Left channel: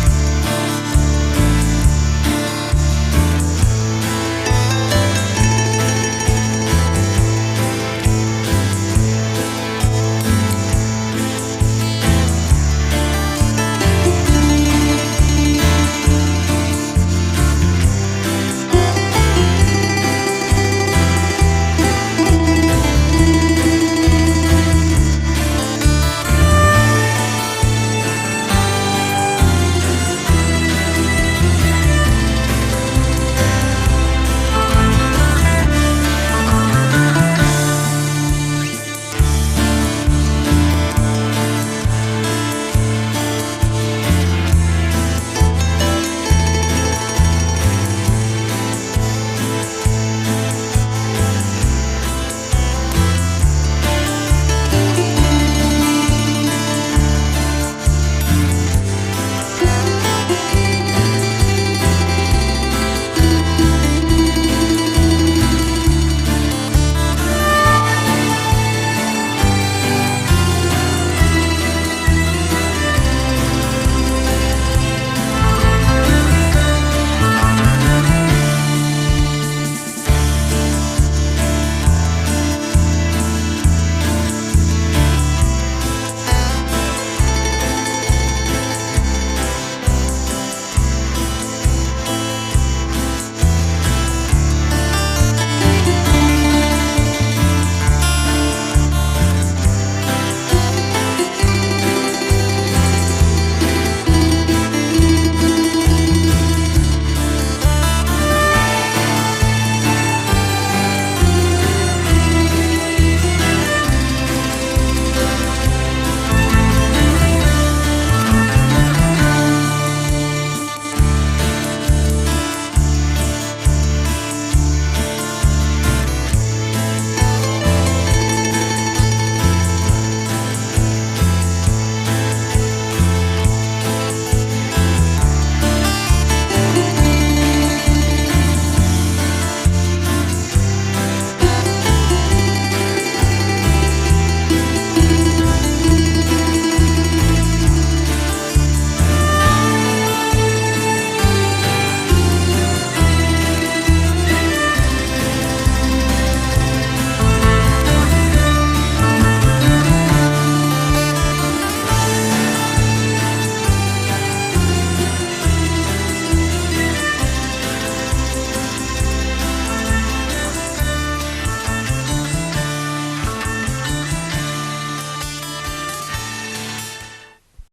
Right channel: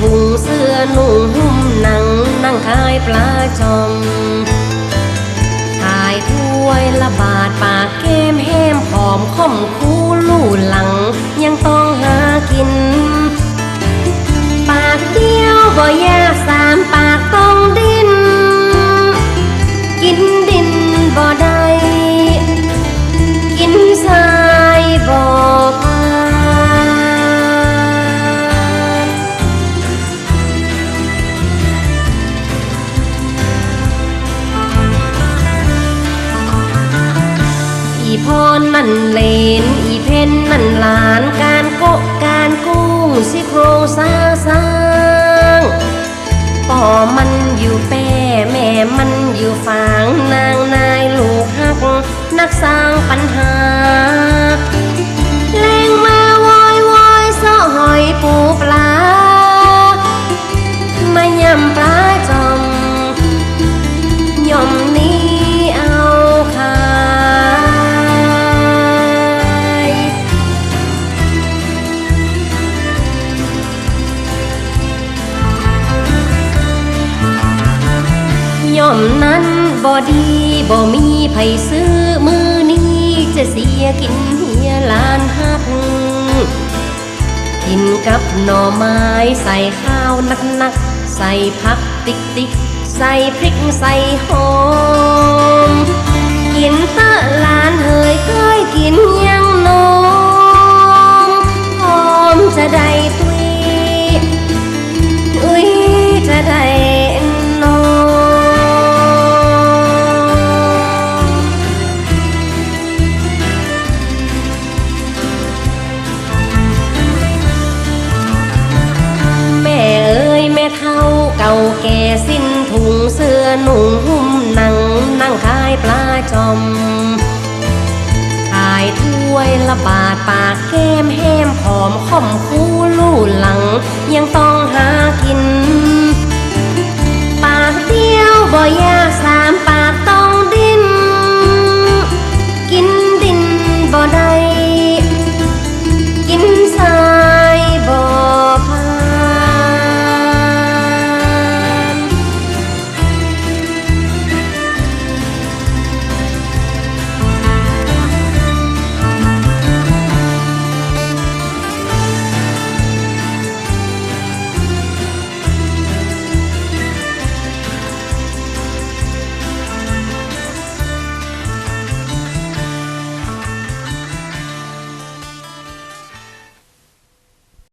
红色熔 พรมันเลนอีเพนมันหลานกัน กับหน่อไม้ใส่ข้าวนักๆใส่ผักติ๊กติ๊กใส่พริกใส่หอม ขายถ้วยละบาทปากแก้มแห้มหอมข่อมคู่